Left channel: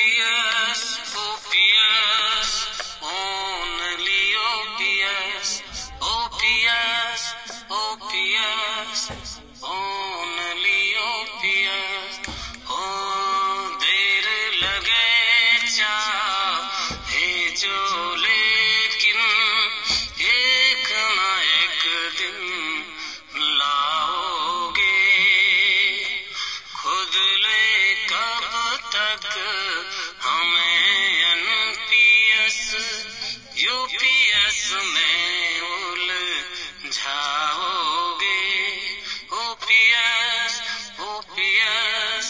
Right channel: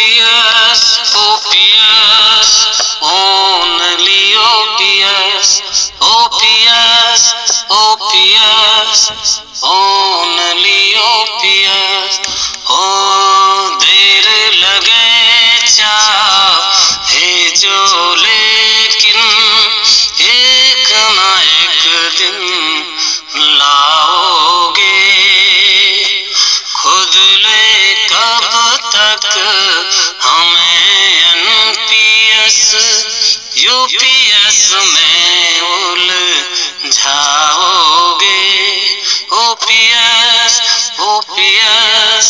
OPS, OPS, only OPS, OPS, OPS, only OPS. हो देर लगे चाहे जो, लेकिन एक ना एक दिन लाओगे। खुद ले कब तक हमें NPS UPS में उलझाओगे। OPS, OPS,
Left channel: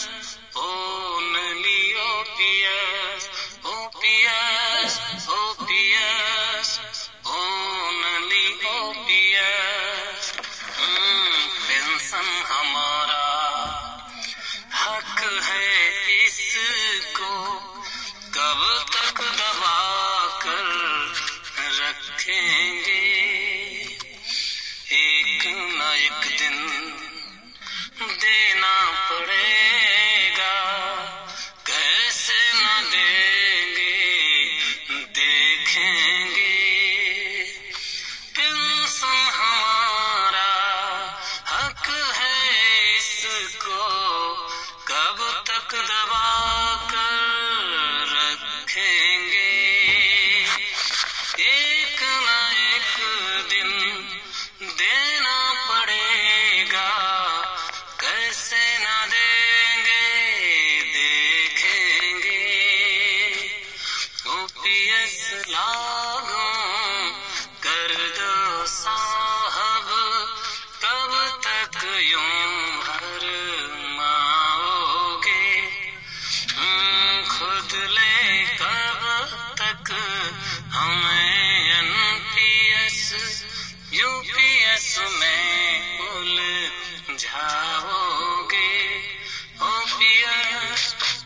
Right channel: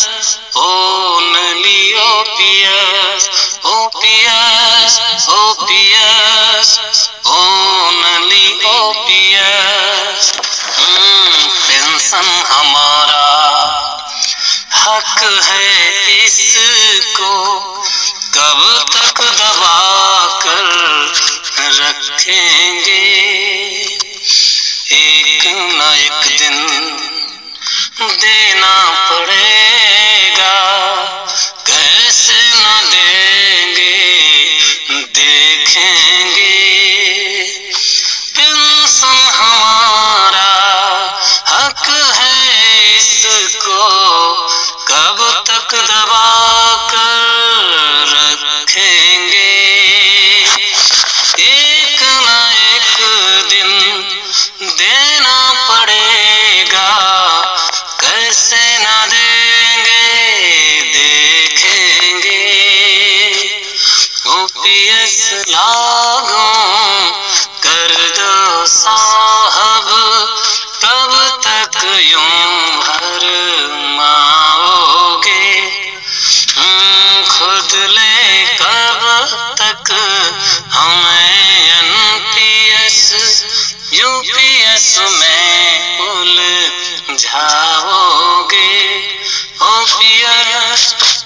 only OPS, OPS, OPS, only OPS. Pension हमारा हक है, इसको कब तक दबा कर रखेंगे। एक न एक दिन देना पड़ेगा, कैसे न देंगे देखेंगे। पेंशन हमारा हक है, इसको कब तक दबा कर रखेंगे। एक न एक दिन देना पड़ेगा, कैसे ना देंगे देखेंगे। OPS लागू कर दो साहब, कब तक यूं भर माओगे। खुद ले कब तक हमें NPS UPS में उलझाओगे। OPS,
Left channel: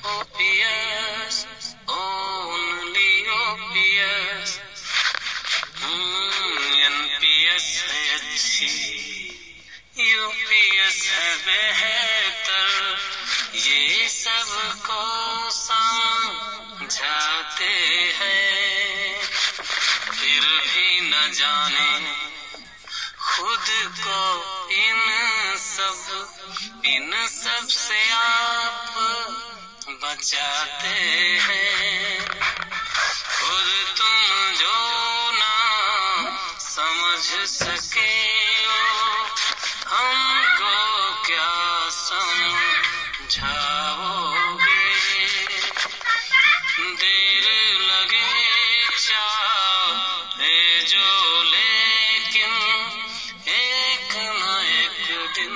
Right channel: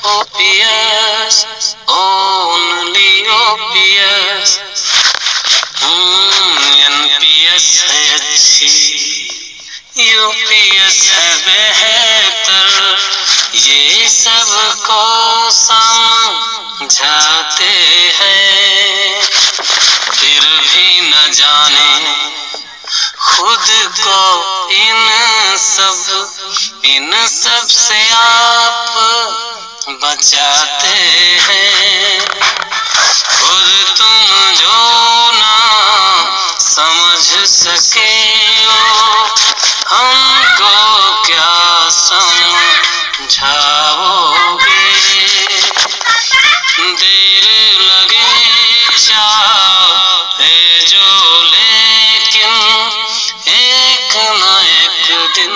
OPS, only OPS. NPS है अच्छी, UPS है बेहतर, ये सबको समझाते हैं। फिर भी न जाने खुद को इन सब से आप बचाते हैं। खुद तुम जो ना समझ सके हो, हमको क्या समझाओगे। देर लगे चाहे जो, लेकिन एक न एक दिन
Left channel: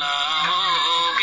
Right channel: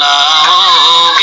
लाओ।